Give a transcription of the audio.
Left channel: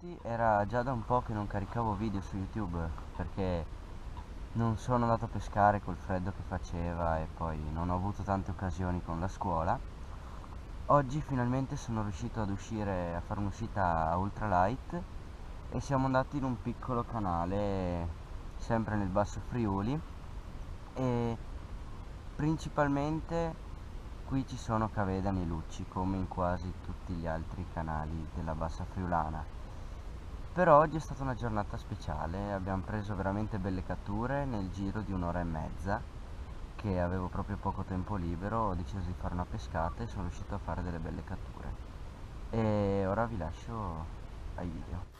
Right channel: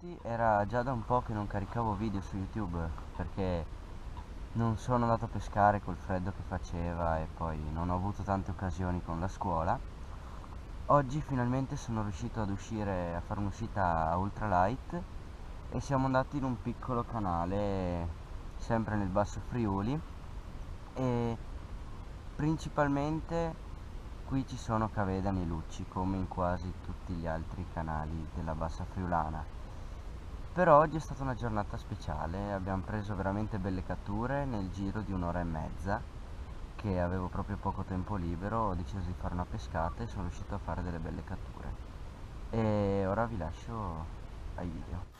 tutti, era già da un po' che non caricavo video su YouTube perché non sono andato a pescare col freddo che faceva e poi non ho avuto tante occasioni con la scuola. Oggi finalmente sono riuscito ad uscire a fare un'uscita a ultralight e siamo andati in un piccolo canale sempre nel Basso Friuli e principalmente qui ci sono cavedani e lucci come in quasi tutti gli altri canali della Bassa Friulana. Però oggi è stata una giornata speciale, abbiamo preso veramente belle catture nel giro di un'ora e mezza, che avevo proprio poco tempo libero, ho deciso di fare una pescata e sono riuscito a fare delle belle catture. E ora vi lascio ai video.